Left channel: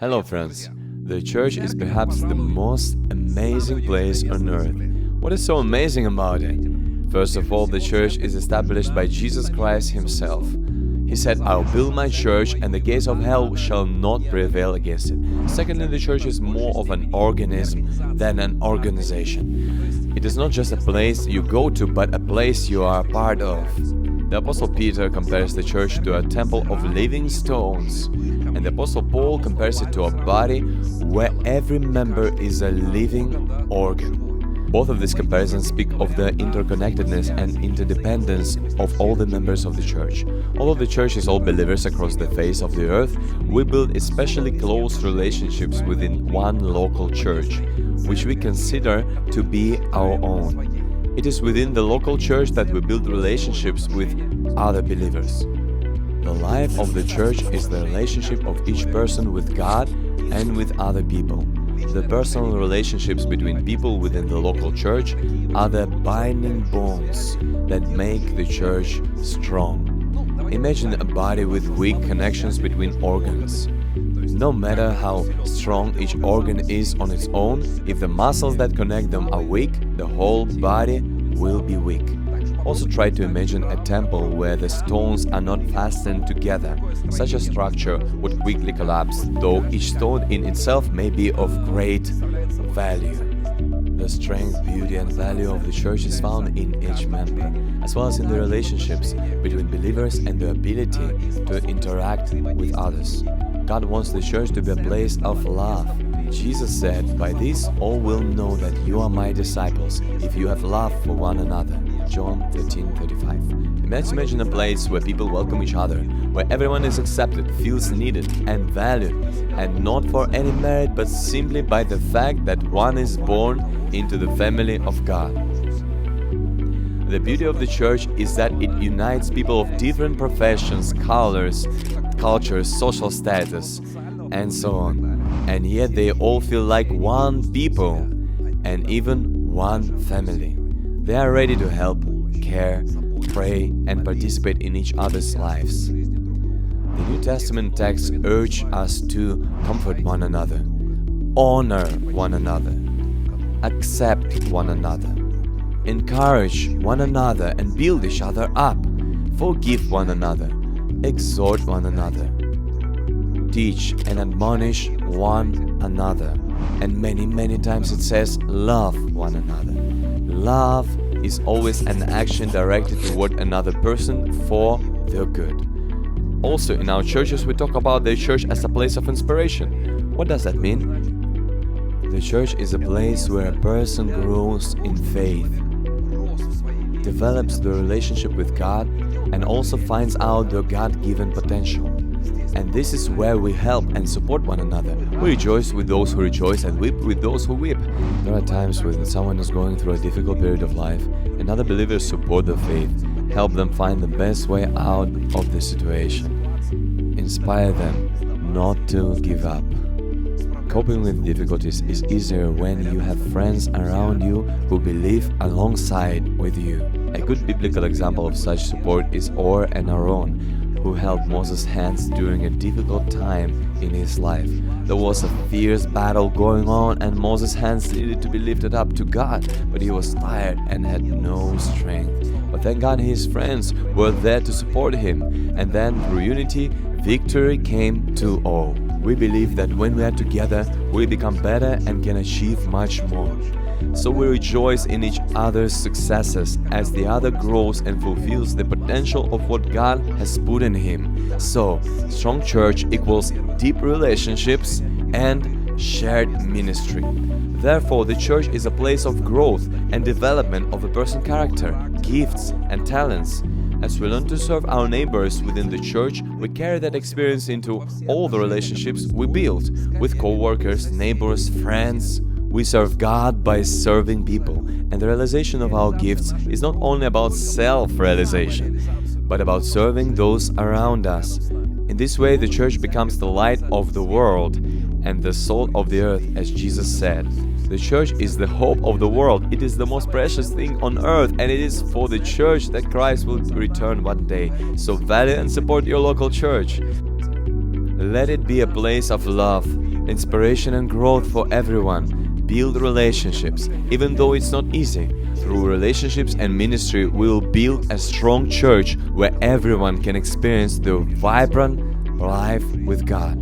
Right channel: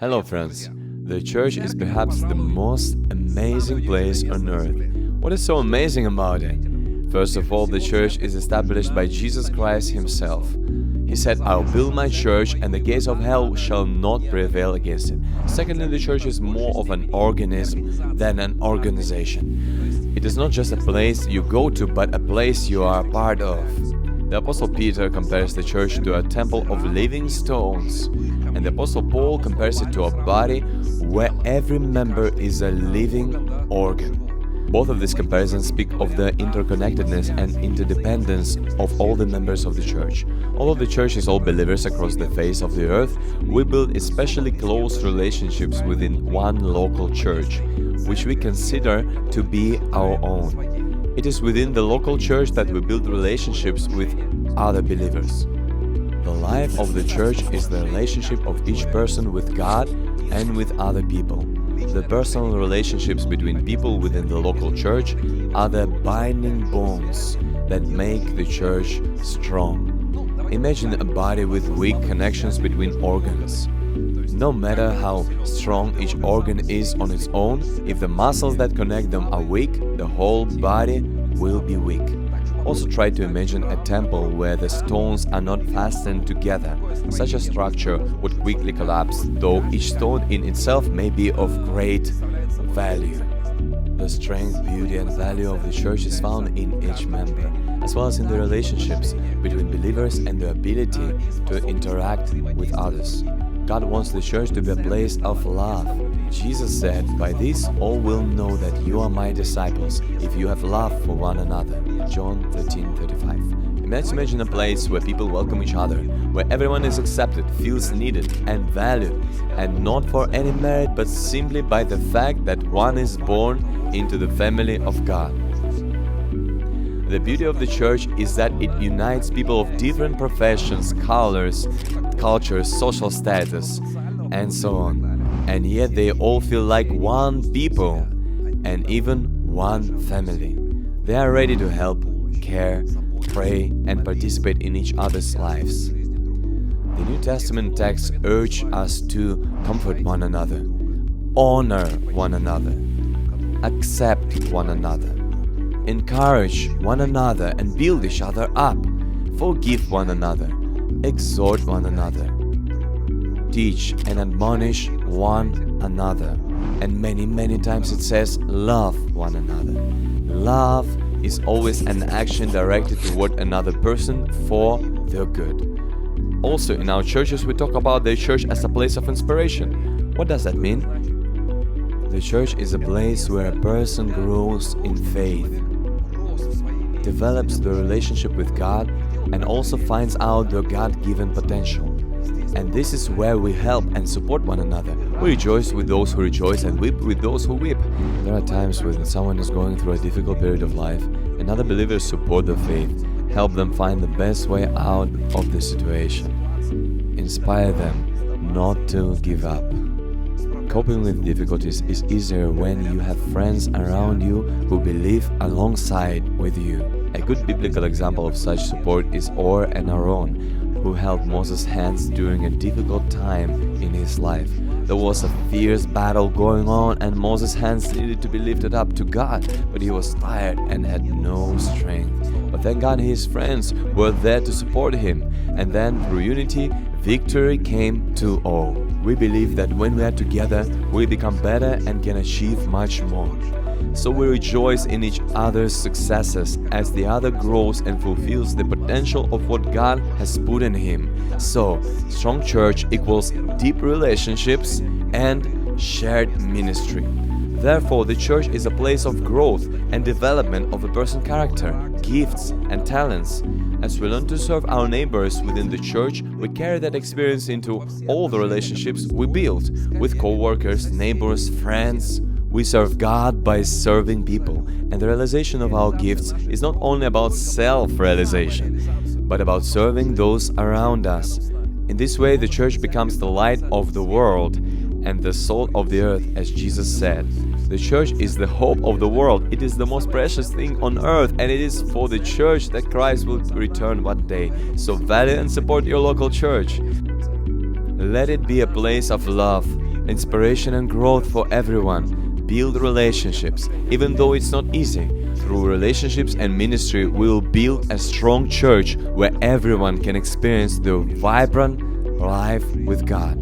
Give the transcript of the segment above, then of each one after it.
Hello friends, the church is perhaps the most amazing place on earth. What is so amazing about it? First of all, the church is established by Jesus Christ himself. He said, "I'll build my church and the gates of hell shall not prevail against it." Secondly, the church is more of an organism than an organization. It is not just a place you go to, but a place you are a part of. The Apostle Peter compares the church to a temple of living stones, and the Apostle Paul compares it to a body where every member is a living organ. Both of these comparisons speak of the interconnectedness and interdependence of all the members of the church. Although the church is all believers across the face of the earth, we build especially close relationships within one local church, which we consider to be our own. It is within the local church that we build relationships with other believers. The life of the church is the relationship of each person with God and with other people. The personal relationships between people within the local church are the binding bonds that make the church strong. Imagine a body with weak connections between organs. No matter how strong each organ is on its own, if the muscles that connect them are weak, the whole body will be weak. Also try to imagine a temple where the stones are not fastened together. Such a structure would quickly collapse, though each stone in itself may be of great value. The strength, beauty and value of the church is found in each member, as well as in the relationships between believers and the ability to interact with others. God wants the church to be a place of love. Jesus said, "By this all will know that you are my disciples, if you have love for one another." John 13:35. Imagine a place where people welcome each other, where everyone is accepted, feels needed and valued, and not for any merit but simply by the fact that one is born into the family of God. The beauty of the church is that it unites people of different professions, colors, cultures, social status, and so on. And yet they all feel like one people and even one family. They are ready to help, care, pray, and participate in each other's lives. The New Testament texts urge us to comfort one another, honor one another, accept one another, encourage one another and build each other up, forgive one another, exhort one another, teach and admonish one another, and many times it says love one another. Love is always an action directed toward another person for their good. Also, in our churches we talk about the church as a place of inspiration. What does that mean? The church is a place where a person grows in faith, develops the relationship with God, and also finds out their God-given potential. And this is where we help and support one another. We rejoice with those who rejoice and weep with those who weep. There are times when someone is going through a difficult period of life and other believers support their faith, help them find the best way out of the situation. Inspire them not to give up. Coping with difficulties is easier when you have friends around you who believe alongside with you. A good biblical example of such support is Or and Aaron, who held Moses' hands during a difficult time in his life. There was a fierce battle going on and Moses' hands needed to be lifted up to God, but he was tired and had no strength. But thank God his friends were there to support him, and then through unity, victory came to all. We believe that when we are together, we become better and can achieve much more. So we rejoice in each other's successes as the other grows and fulfills the potential of what God has put in him. So, strong church equals deep relationships and shared ministry. Therefore, the church is a place of growth and development of a person's character, gifts, and talents. As we learn to serve our neighbors within the church, we carry that experience into all the relationships we build with co-workers, neighbors, friends. We serve God by serving people, and the realization of our gifts is not only about self-realization, but about serving those around us. In this way, the church becomes the light of the world and the salt of the earth, as Jesus said. The church is the hope of the world. It is the most precious thing on earth, and it is for the church that Christ will return one day. So value and support your local church. Let it be a place of love, inspiration and growth for everyone. Build relationships, even though it's not easy. Through relationships and ministry, we'll build a strong church where everyone can experience the vibrant life with God.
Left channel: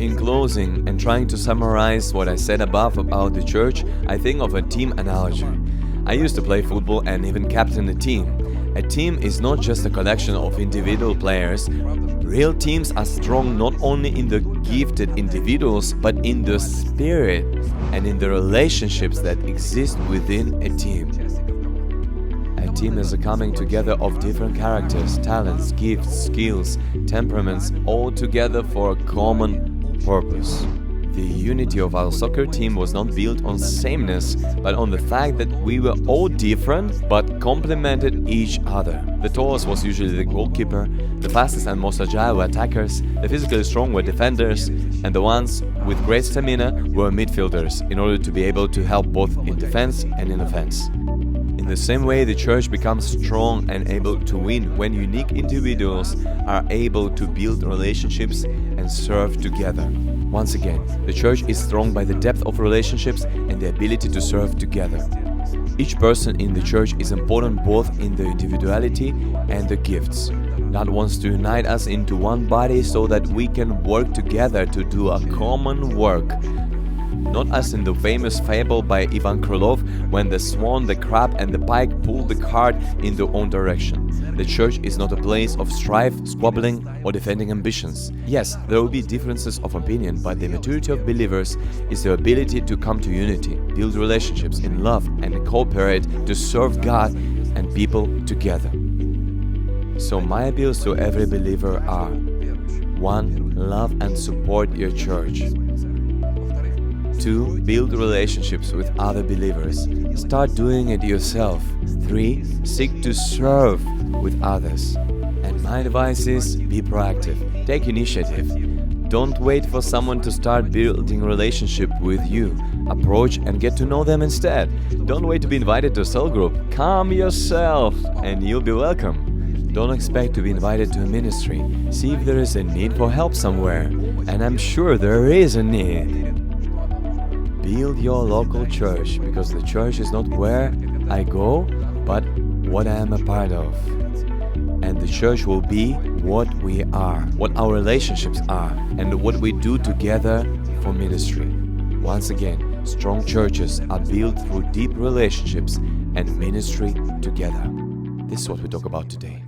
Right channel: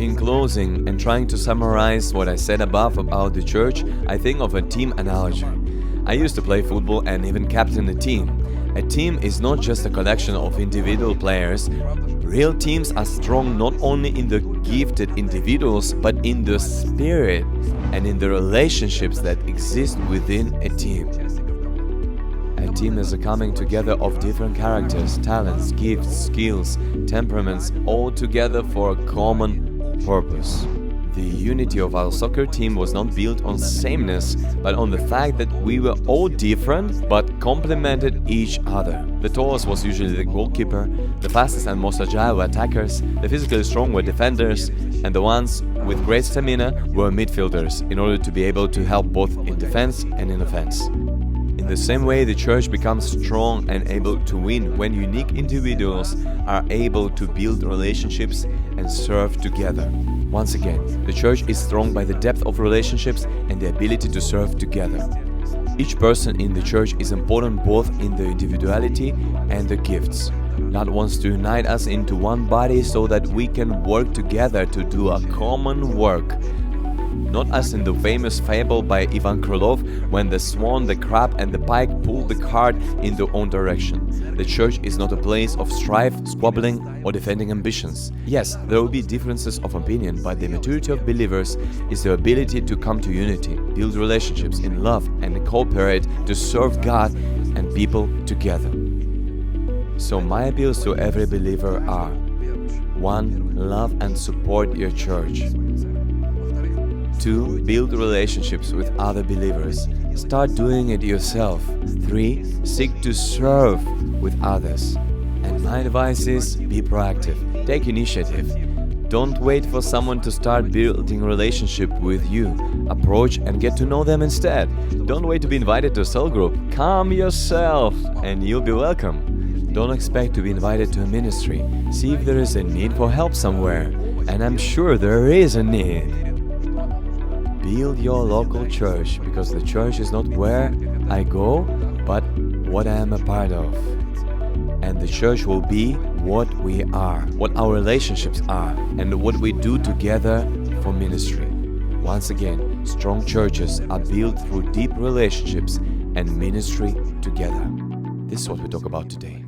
In closing, and trying to summarize what I said above about the church, I think of a team analogy. I used to play football and even captain a team. A team is not just a collection of individual players. Real teams are strong not only in the gifted individuals, but in the spirit and in the relationships that exist within a team. A team is a coming together of different characters, talents, gifts, skills, temperaments, all together for a common purpose. The unity of our soccer team was not built on sameness, but on the fact that we were all different but complemented each other. The tallest was usually the goalkeeper, the fastest and most agile were attackers, the physically strong were defenders, and the ones with great stamina were midfielders, in order to be able to help both in defense and in offense. In the same way, the church becomes strong and able to win when unique individuals are able to build relationships and serve together. Once again, the church is strong by the depth of relationships and the ability to serve together. Each person in the church is important both in the individuality and the gifts. God wants to unite us into one body so that we can work together to do a common work. Not as in the famous fable by Ivan Krylov, when the swan, the crab and the pike pull the cart in their own direction. The church is not a place of strife, squabbling or defending ambitions. Yes, there will be differences of opinion, but the maturity of believers is the ability to come to unity, build relationships in love and cooperate to serve God and people together. So my appeals to every believer are: 1. Love and support your church. 2. Build relationships with other believers. Start doing it yourself. 3. Seek to serve with others. And my advice is: be proactive. Take initiative. Don't wait for someone to start building relationship with you. Approach and get to know them instead. Don't wait to be invited to a cell group. Come yourself and you'll be welcome. Don't expect to be invited to a ministry. See if there is a need for help somewhere. And I'm sure there is a need. Build your local church, because the church is not where I go, but what I am a part of. And the church will be what we are, what our relationships are, and what we do together for ministry. Once again, strong churches are built through deep relationships and ministry together. This is what we talk about today.